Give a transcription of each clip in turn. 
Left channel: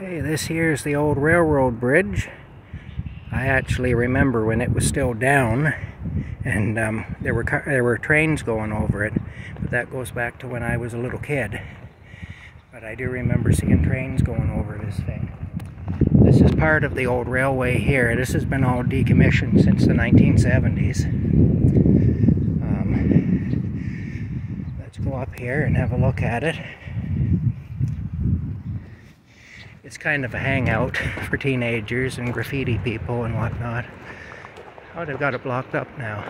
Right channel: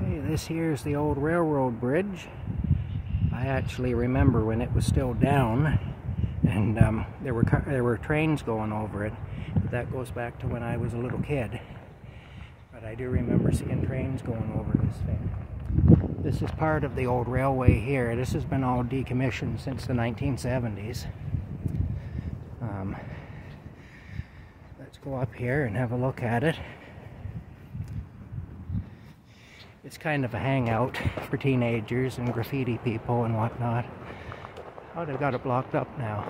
Hey, this here is the old railroad bridge. I actually remember when it was still down, and there were trains going over it. But that goes back to when I was a little kid. But I do remember seeing trains going over this thing. This is part of the old railway here. This has been all decommissioned since the 1970s. Let's go up here and have a look at it. It's kind of a hangout for teenagers and graffiti people and whatnot. Oh, they've got it blocked up now.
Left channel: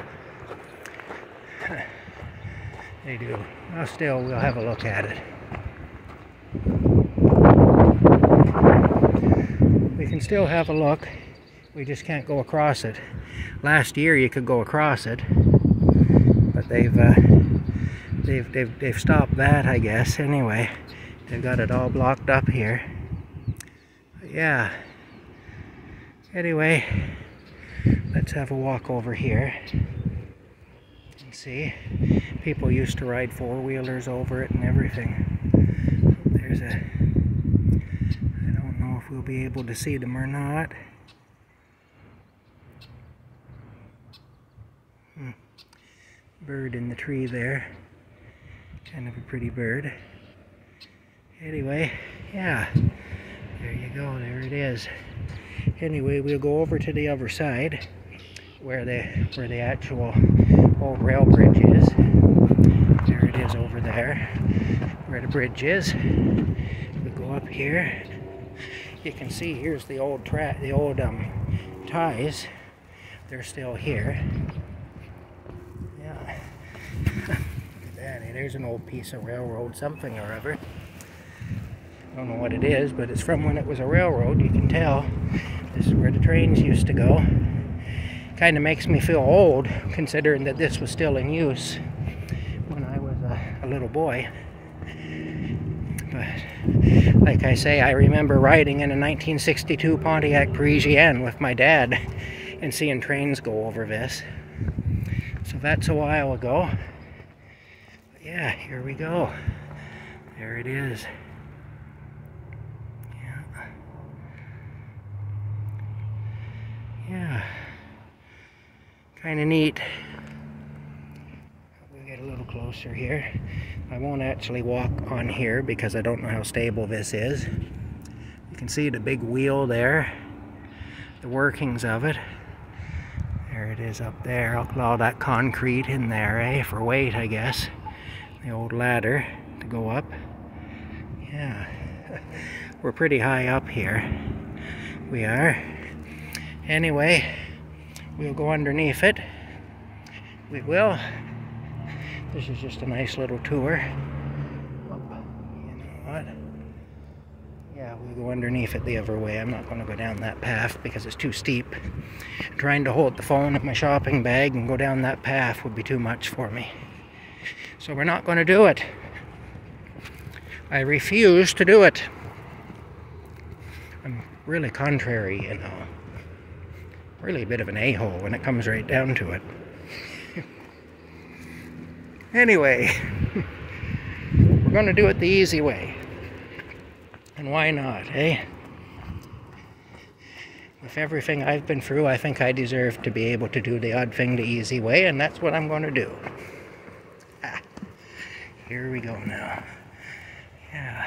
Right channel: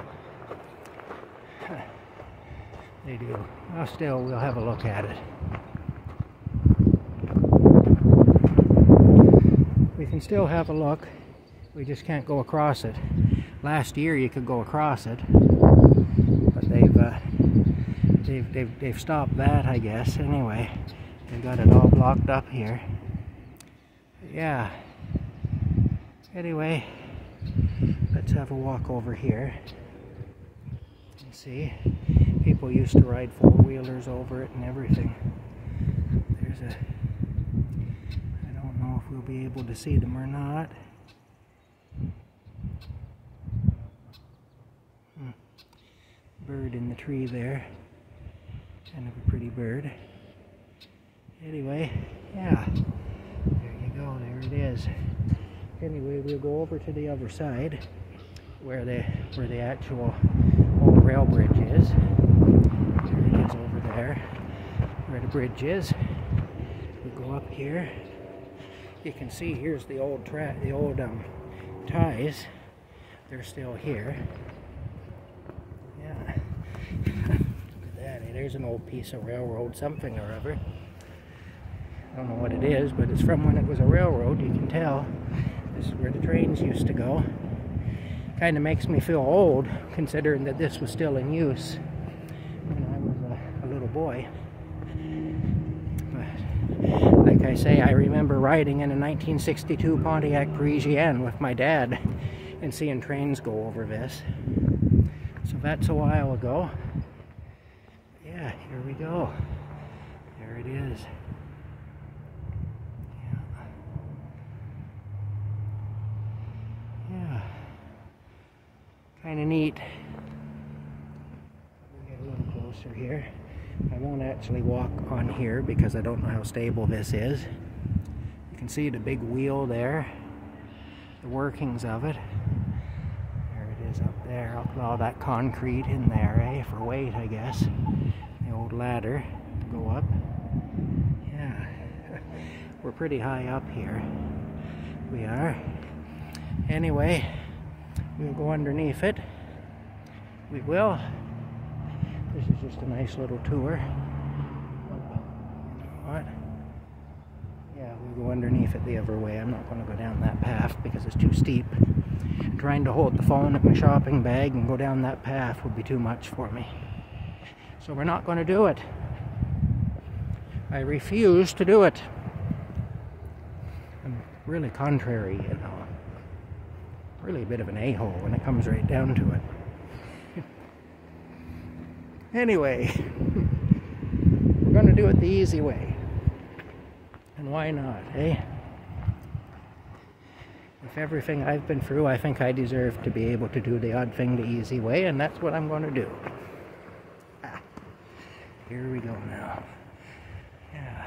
They do. Well, still, we'll have a look at it. We can still have a look. We just can't go across it. Last year you could go across it, but they've stopped that, I guess. Anyway, they've got it all blocked up here. Yeah. Anyway, let's have a walk over here and see. People used to ride four-wheelers over it and everything. There's a... I don't know if we'll be able to see them or not. Bird in the tree there. Kind of a pretty bird. Anyway, yeah. There you go, there it is. Anyway, we'll go over to the other side where the actual old rail bridge is. There it is over there, where the bridge is. We go up here. You can see here's the old ties. They're still here. Yeah. Look at that. There's an old piece of railroad, something or other. I don't know what it is, but it's from when it was a railroad. You can tell. This is where the trains used to go. Kind of makes me feel old, considering that this was still in use when I was a little boy. But like I say, I remember riding in a 1962 Pontiac Parisienne with my dad and seeing trains go over this. So that's a while ago. But yeah, here we go. There it is. Yeah, kind of neat. We'll get a little closer here. I won't actually walk on here because I don't know how stable this is. You can see the big wheel there, the workings of it. There it is up there. All that concrete in there, for weight, I guess. The old ladder to go up. Yeah, we're pretty high up here. We are. Anyway, we'll go underneath it. We will. This is just a nice little tour. You know what? Yeah, we'll go underneath it the other way. I'm not going to go down that path because it's too steep. Trying to hold the phone at my shopping bag and go down that path would be too much for me. So we're not going to do it. I refuse to do it. I'm really contrary, you know. Really a bit of an a-hole when it comes right down to it. Anyway, we're going to do it the easy way. And why not, eh? With everything I've been through, I think I deserve to be able to do the odd thing the easy way, and that's what I'm going to do. Here we go now. Yeah.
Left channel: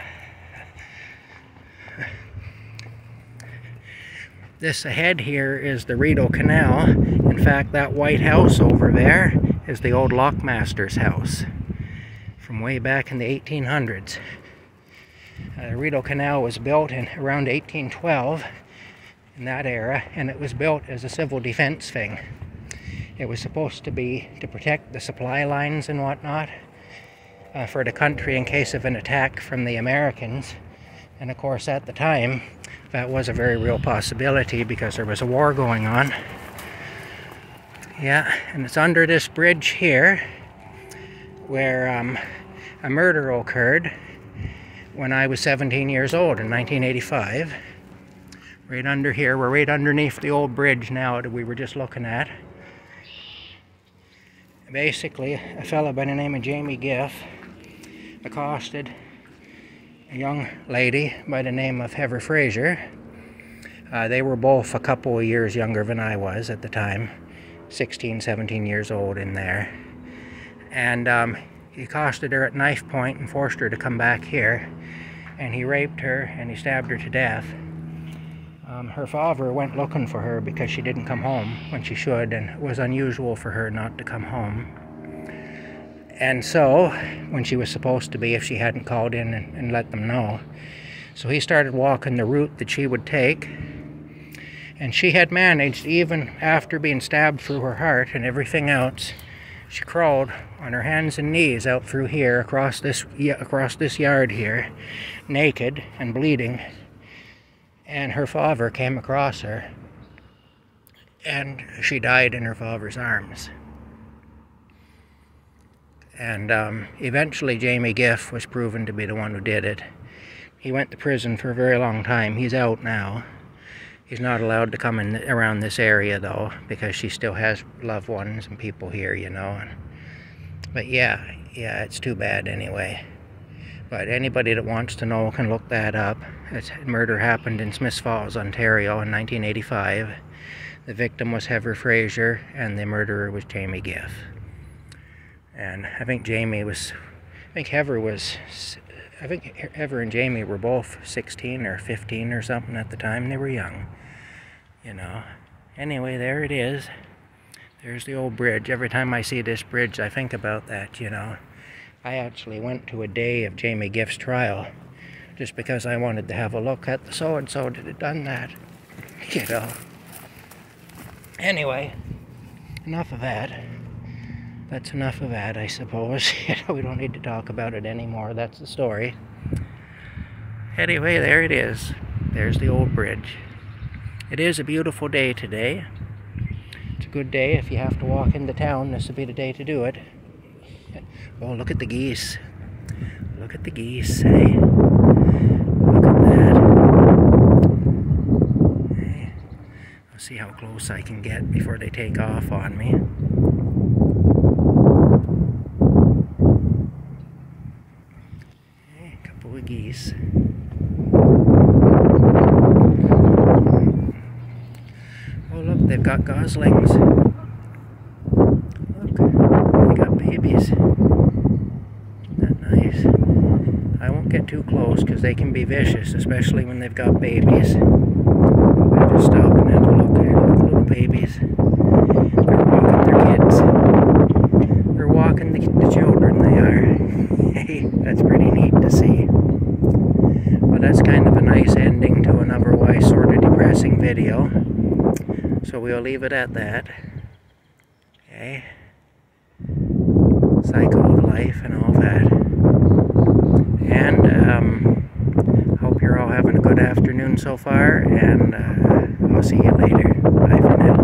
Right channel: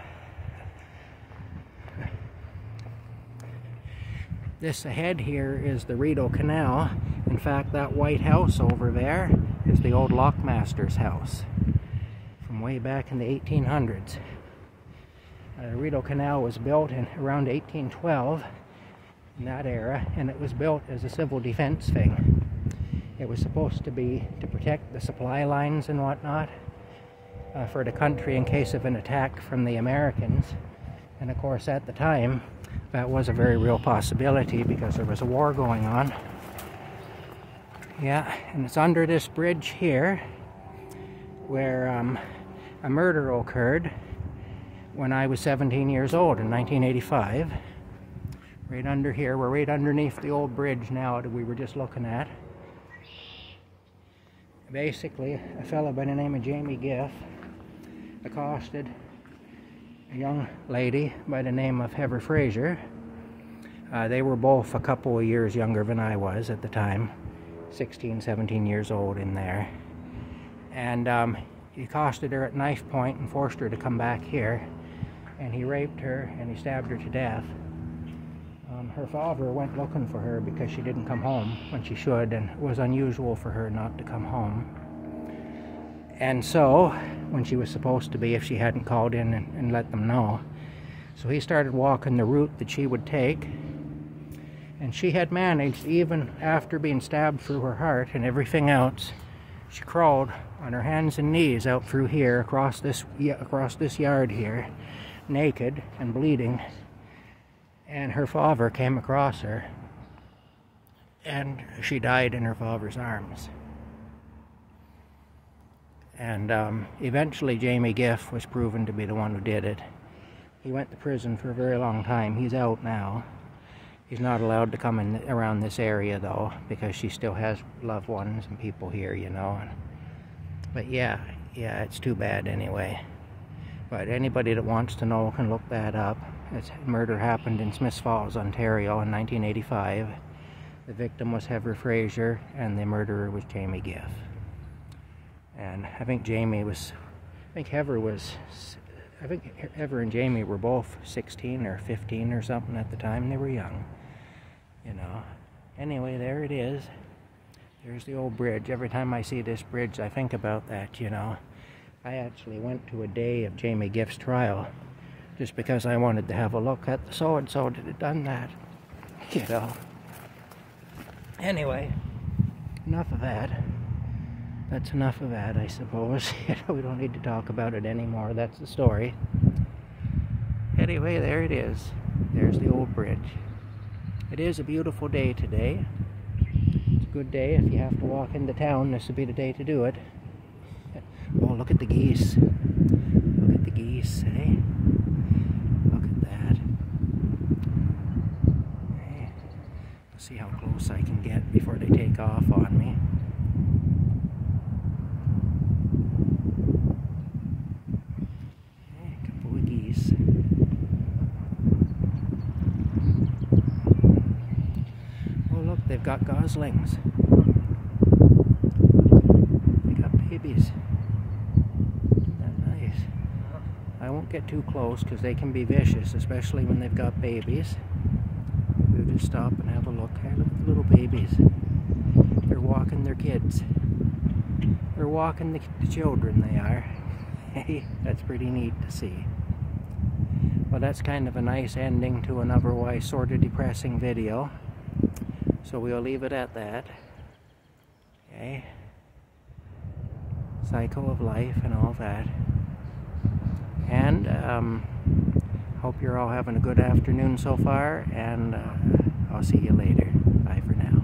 This ahead here is the Rideau Canal. In fact, that white house over there is the old lockmaster's house from way back in the 1800s. The Rideau Canal was built in around 1812 in that era, and it was built as a civil defense thing. It was supposed to be to protect the supply lines and whatnot for the country in case of an attack from the Americans. And of course, at the time, that was a very real possibility because there was a war going on. Yeah, and it's under this bridge here where a murder occurred when I was 17 years old in 1985. Right under here, we're right underneath the old bridge now that we were just looking at. Basically, a fellow by the name of Jamie Giff accosted a young lady by the name of Heather Fraser. They were both a couple of years younger than I was at the time, 16, 17 years old in there. And he accosted her at knife point and forced her to come back here. And he raped her and he stabbed her to death. Her father went looking for her because she didn't come home when she should, and it was unusual for her not to come home. And so, when she was supposed to be, if she hadn't called in and let them know. So he started walking the route that she would take. And she had managed, even after being stabbed through her heart and everything else, she crawled on her hands and knees out through here, across this yard here, naked and bleeding. And her father came across her, and she died in her father's arms. And eventually Jamie Giff was proven to be the one who did it. He went to prison for a very long time. He's out now. He's not allowed to come in around this area though, because she still has loved ones and people here, you know. But yeah, it's too bad anyway. But anybody that wants to know can look that up. Murder happened in Smiths Falls, Ontario in 1985. The victim was Heather Fraser and the murderer was Jamie Giff. And I think Heather and Jamie were both 16 or 15 or something at the time. They were young, you know. Anyway, there it is. There's the old bridge. Every time I see this bridge, I think about that, you know. I actually went to a day of Jamie Giff's trial just because I wanted to have a look at the so-and-so that had done that, you know. Anyway, enough of that. That's enough of that, I suppose. You know, we don't need to talk about it anymore. That's the story. Anyway, there it is. There's the old bridge. It is a beautiful day today. It's a good day if you have to walk into town. This would be the day to do it. Oh, look at the geese. Look at the geese, hey? Look at that. Hey. I'll see how close I can get before they take off on me. Hey, a couple of geese. Oh, look, they've got goslings. Look, they got babies. I won't get too close because they can be vicious, especially when they've got babies. I just stop and have a look at the little babies. They're walking their kids. They're walking the children, they are. Hey, that's pretty neat to see. Well, that's kind of a nice ending to an otherwise sort of depressing video. So we'll leave it at that. Okay. Cycle of life and all that. And hope you're all having a good afternoon so far, and I'll see you later. Bye for now.